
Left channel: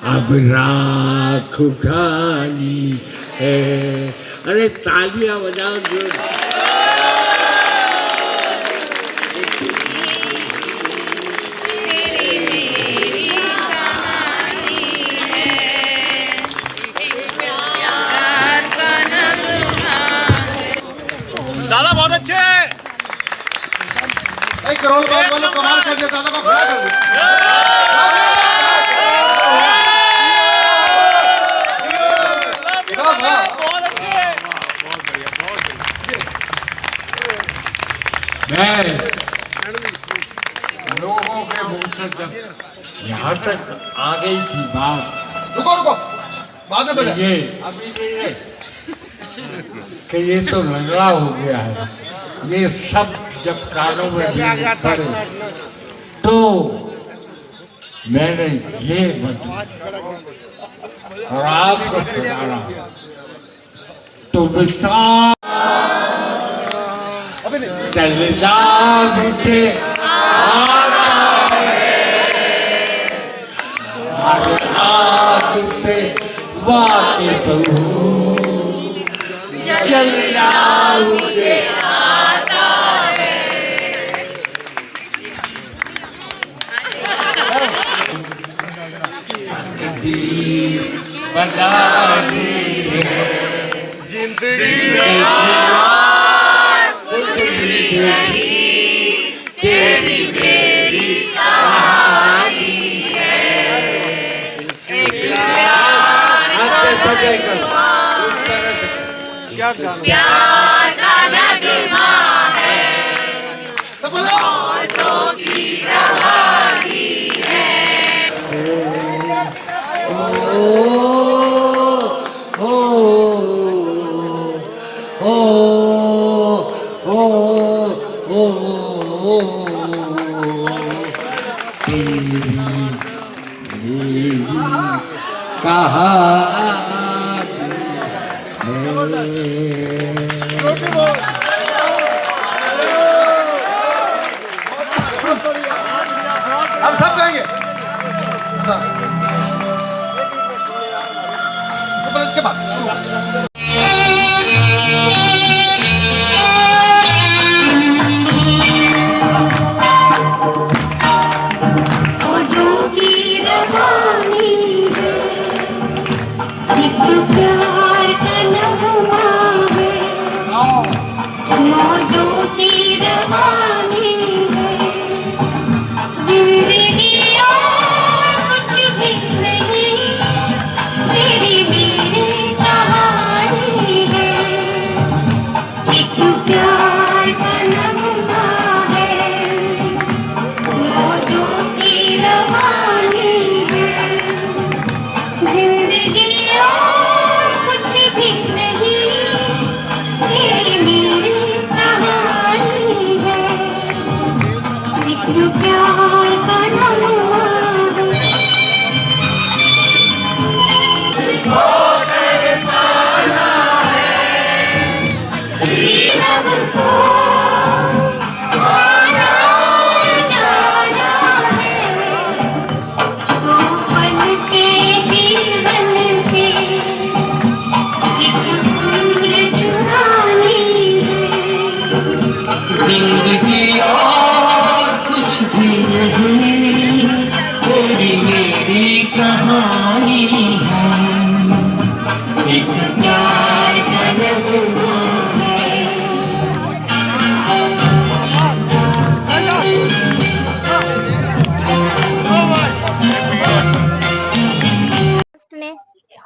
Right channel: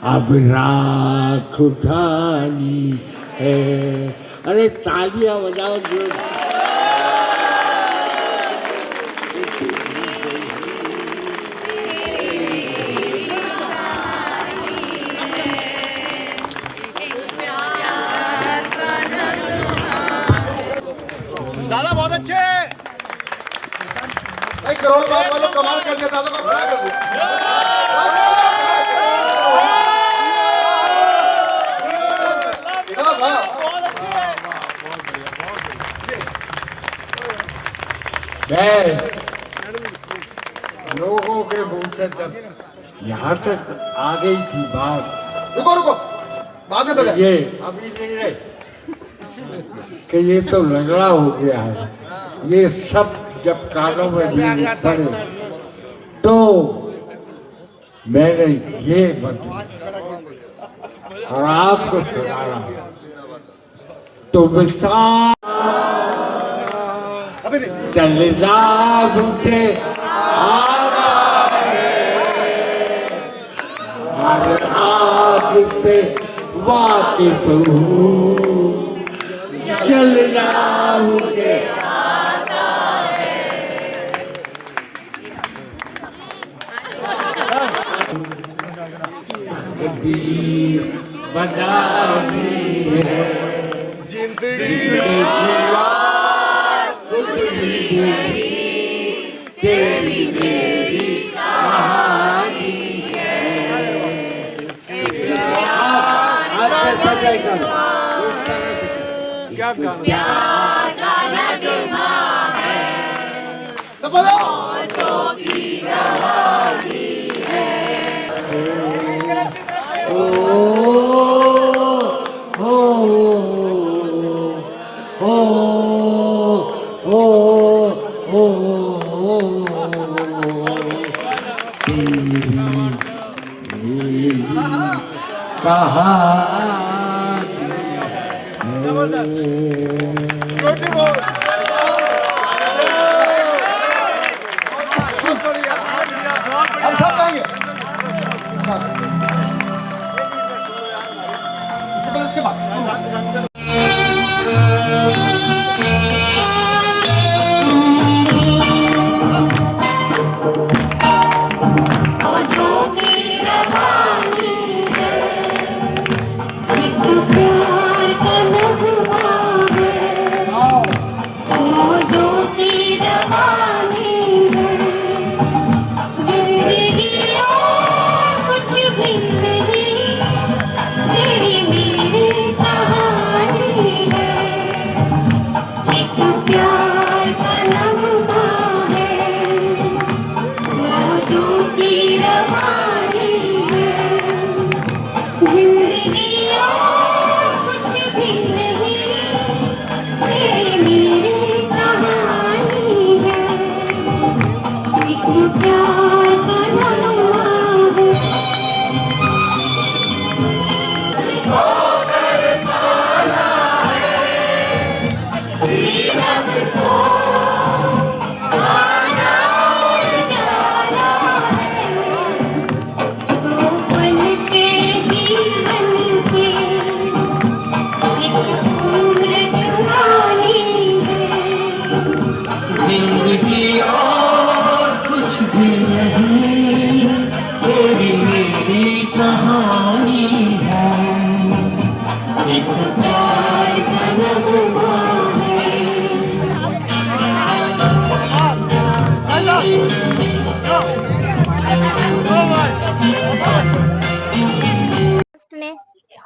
अब राख उठानी है अरे तालियां बजाओ जो दादा बहुत अच्छे एक करोड़ का वाला कमाल कर दिया दादा का खड़ा कर दिया बहुत अच्छे मैं लोगों के मुंह से तक यहाँ तक आ गई थी बात रुको रुको बाद में बजा ये अभी नहीं रहे कि ये तो लंगड़ा हो गया है ये सब जब कानों में पड़े तो मैंने ये बदला और आपको सुनाया तो विशाल चल जा मुझे आग से वाकिफ हूँ चलना मुझे आता है दीप बनानी है जिंदगी कुछ भी नहीं तेरी मेरी कहानी है आपसे सजेगा उस तरह से क्या प्यार का नगमा है मौजों की रवानी है हम सब जाएंगे इसके बाद मौजों की रवानी है जिंदगी कहानी है, जिंदगी और कुछ भी नहीं, मेरी मेरी कहानी है, एक प्यार का नगमा है। जिंदगी और कुछ भी नहीं, तेरी मेरी कहानी है, एक प्यार का नगमा है। ट्रस्ट ने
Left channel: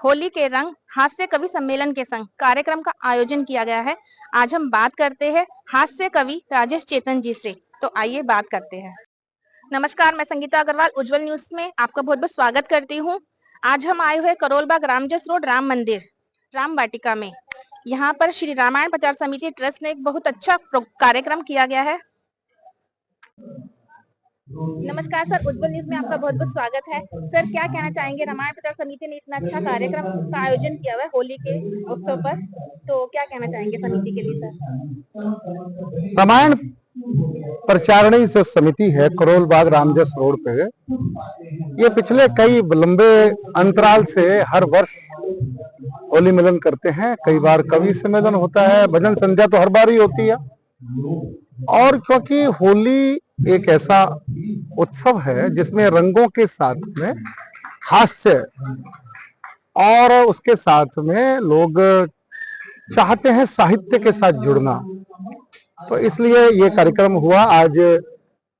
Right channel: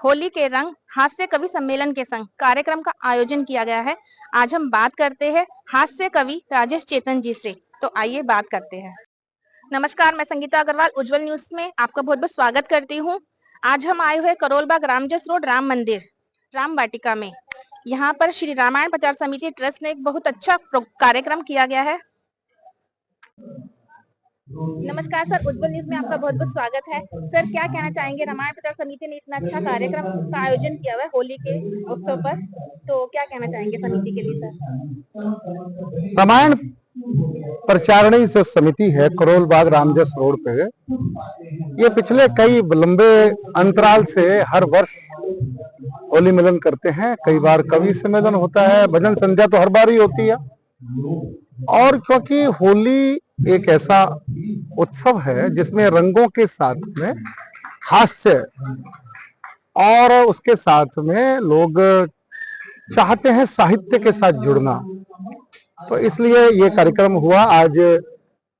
होली के रंग हास्य कवि सम्मेलन के संग कार्यक्रम का आयोजन किया गया है। आज हम बात करते हैं हास्य कवि राजेश चेतन जी से। तो आइए बात करते हैं। नमस्कार, मैं संगीता अग्रवाल उज्जवल न्यूज में आपका बहुत बहुत स्वागत करती हूँ। आज हम आए हुए करोल बाग रामजस रोड राम मंदिर राम वाटिका में। यहाँ पर श्री रामायण प्रचार समिति ट्रस्ट ने एक बहुत अच्छा कार्यक्रम किया गया है। नमस्कार सर, उज्जवल न्यूज में आपका बहुत बहुत स्वागत है। सर, क्या कहना चाहेंगे, रामायण प्रचार समिति ने इतना अच्छा कार्यक्रम का आयोजन किया हुआ है होली के उत्सव पर, तो क्या कहना चाहेंगे समिति के लिए सर? रामायण प्रचारणी जो समिति है करोल बाग रामजस रोड पे, ये पिछले कई लंबे अंतराल से हर वर्ष होली मिलन करते हैं। कई बार कवि सम्मेलन होता है, भजन संध्या तो हर बार ही होती है। और क्योंकि होली एक ऐसा उत्सव है जिसमें रंगों के साथ में हास्य और उसके साथ में लोग चाहते हैं साहित्य के साथ जुड़ना, तो इसलिए ये कार्यक्रम हुआ। आज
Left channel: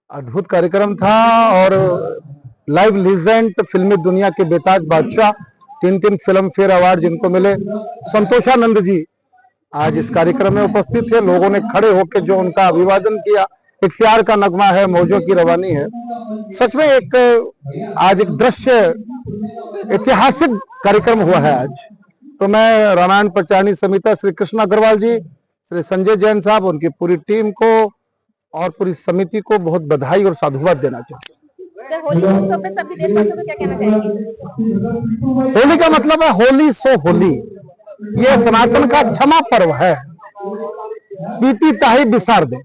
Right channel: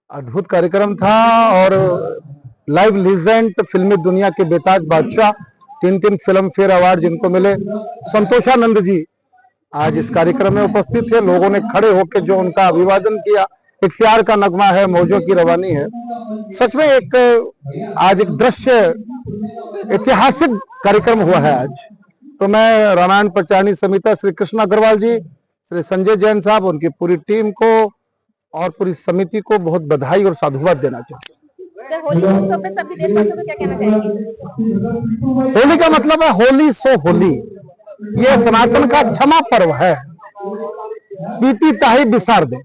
अद्भुत कार्यक्रम था और लाइव लीजेंड फिल्मी दुनिया के बेताज बादशाह, 3 फिल्म फेयर अवार्ड जिनको मिले, संतोषानंद जी आज इस कार्यक्रम में उपस्थित थे। लोगों ने खड़े होकर जो उनका अभिवादन किया, एक प्यार का नगमा है, मौजों की रवानी है। सच में एक आज एक दृश्य ऐतिहासिक कार्यक्रम हुआ है आज। तो मैं रामायण प्रचारणी समिति श्री कृष्ण अग्रवाल जी, श्री संजय जैन साहब, उनकी पूरी टीम को और पूरी समिति को बहुत बधाई और साधुवाद देना चाहता हूँ। सर, होली उत्सव पे सभी देशवासियों को क्या कहना चाहेंगे? होली का मतलब है होली सो होली, ये सनातन का क्षमा पर्व है। बीती ताही बिसार दे,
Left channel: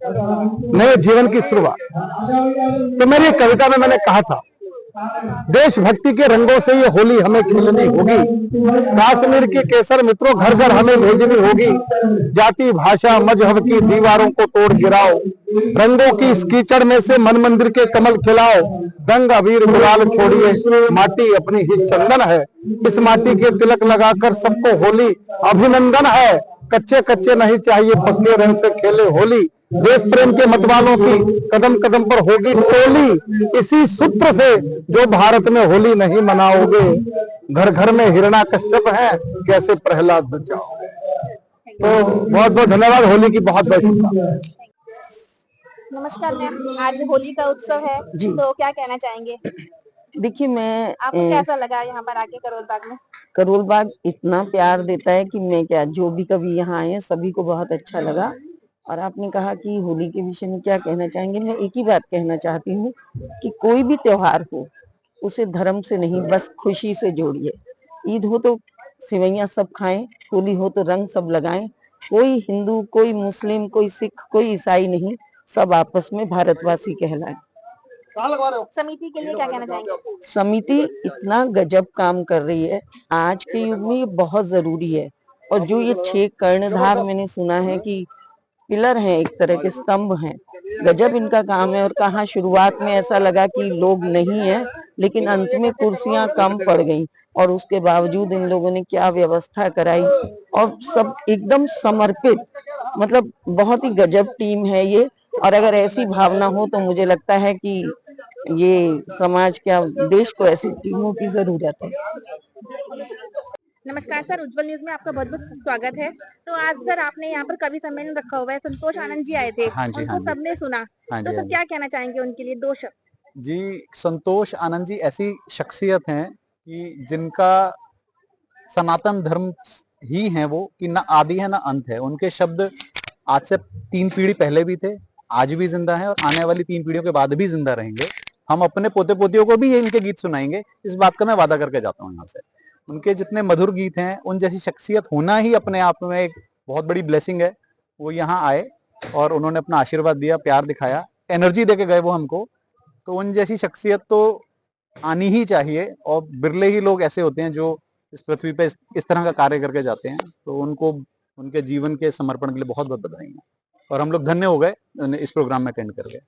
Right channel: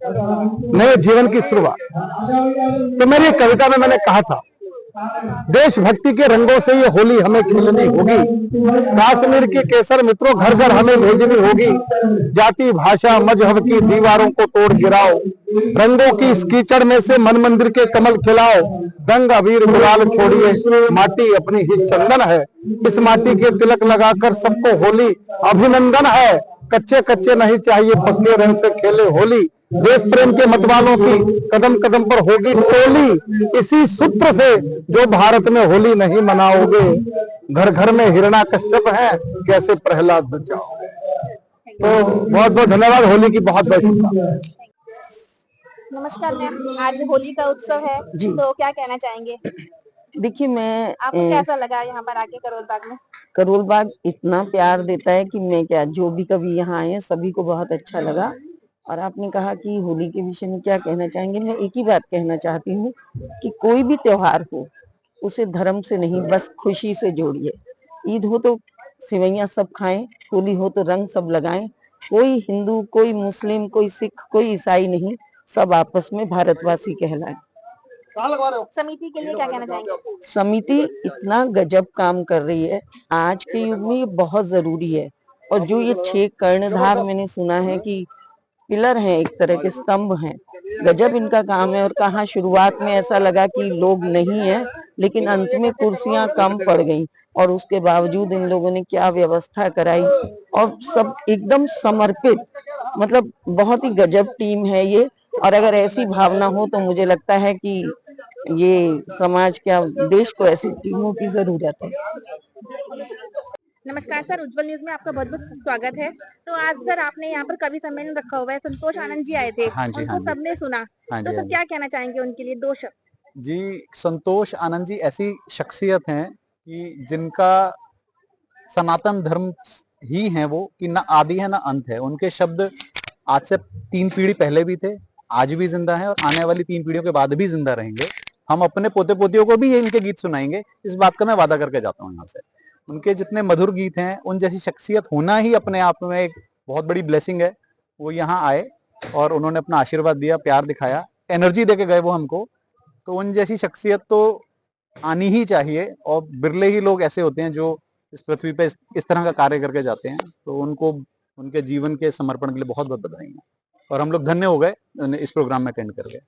नए जीवन की शुरुआत। तो मेरी कविता में मैंने कहा था, देशभक्ति के रंगों से ये होली हमें खिलनी होगी, कश्मीर की केसर मित्रों घर घर हमें भेजनी होगी। जाति भाषा मजहब की दीवारों को तोड़ गिराओ, रंगों की इस कीचड़ में से मन मंदिर के कमल खिलाओ। रंग अबीर गुलाल छोड़िए, माटी अपनी ही चंदन है, इस माटी के तिलक लगाकर सबको होली अभिनंदन है। कच्चे कच्चे नहीं चाहिए पक्के रंग से खेले होली, देश प्रेम के मतवालों की कदम कदम पर होगी टोली। इसी सूत्र से जो भारत में होली नहीं मनाओगे, घर घर में हिरणा कश्यप है, कैसे प्रहलाद बचाओगे। तो बहुत बहुत धन्यवाद, होली की बहुत बहुत शुभकामनाएं। नमस्कार मैम, आज होली का उत्सव है तो क्या कहना चाहेंगे? देखिए, मैं आपको कैसा लगा यहाँ पर आके करोल बाग में? करोल बाग इतना प्यार देता है कि मैं क्या, जो भी कभी यहाँ आए सभी को बहुत अच्छा लगा। और आपने कहा कि होली के विषय में क्या कहना चाहेंगे, मैं एक ही बात कहना चाहती हूँ कि कोई भी त्योहार हो उसे धर्म से नहीं, बस खुशी से जोड़िए। ईद हो तो सिवैयां सब खाएं, होली हो तो रंग सब लगाएं। कोई हिंदू, कोई मुस्लिम, कोई सिख, कोई ईसाई नहीं, सब आपस में भारतवासी कहलाएं। समिति के लिए क्या कहना चाहेंगे? समिति इतना गजब काम कर रही है, आज के युग में ये बहुत जरूरी है। और जो ये 6 कर्णधार मैंने सुना है कि पिलर हैं, एक तरह के स्तंभ हैं, गजब इनका काम है। और कहाँ शुरुआत में ऐसा लगा कि लोग नहीं है, लेकिन अंत में कुर्सियां कम पड़ गईं और उसके बावजूद इन लोगों ने क्या व्यवस्था कराई और सब एकदम समर्पित, मतलब बहुत ही गजब टीम है ये। और अगर ऐसी भावना हो तो मुझे लगता है कि ये समाज, क्या देश को ऐसी टीमों की जरूरत है। नमस्कार सर, उज्जवल न्यूज में आपका बहुत बहुत स्वागत है। तो आज सर आपने यहाँ पर कवि सम्मेलन रखा हुआ है, संतोष आनंद जी आए थे, उनको सबने सुना, तो सर क्या कहना चाहेंगे उनके लिए? 2 शब्द। जी संतोष आनंद जी ऐसी शख्सियत हैं कि जिनका सनातन धर्म ही है वो, कि ना आदि है ना अंत है। उनके शब्द आज से 3 पीढ़ी पहले भी थे, आज भी जिंदा है और आने वाली 3 पीढ़ियों के बाद भी जिंदा रहेंगे। हम अपने पोते पोतियों को भी ये इनके गीत सुनाएंगे, इस बात का मैं वादा करके जाता हूँ यहाँ से। उनके जितने मधुर गीत हैं, उन जैसी शख्सियत होना ही अपने आप में एक बहुत बड़ी ब्लेसिंग है। वो यहाँ आए और उन्होंने अपना आशीर्वाद दिया, प्यार दिखाया, एनर्जी देके गए वो हमको। तो उन जैसी शख्सियत तो आनी ही चाहिए और बिरले ही लोग ऐसे होते हैं जो इस पृथ्वी पे इस तरह का कार्य करके जाते हैं। तो उनको उनके जीवन के समर्पण के लिए बहुत बहुत बधाई है और हम लोग धन्य हो गए इस प्रोग्राम में अटेंड कर गए।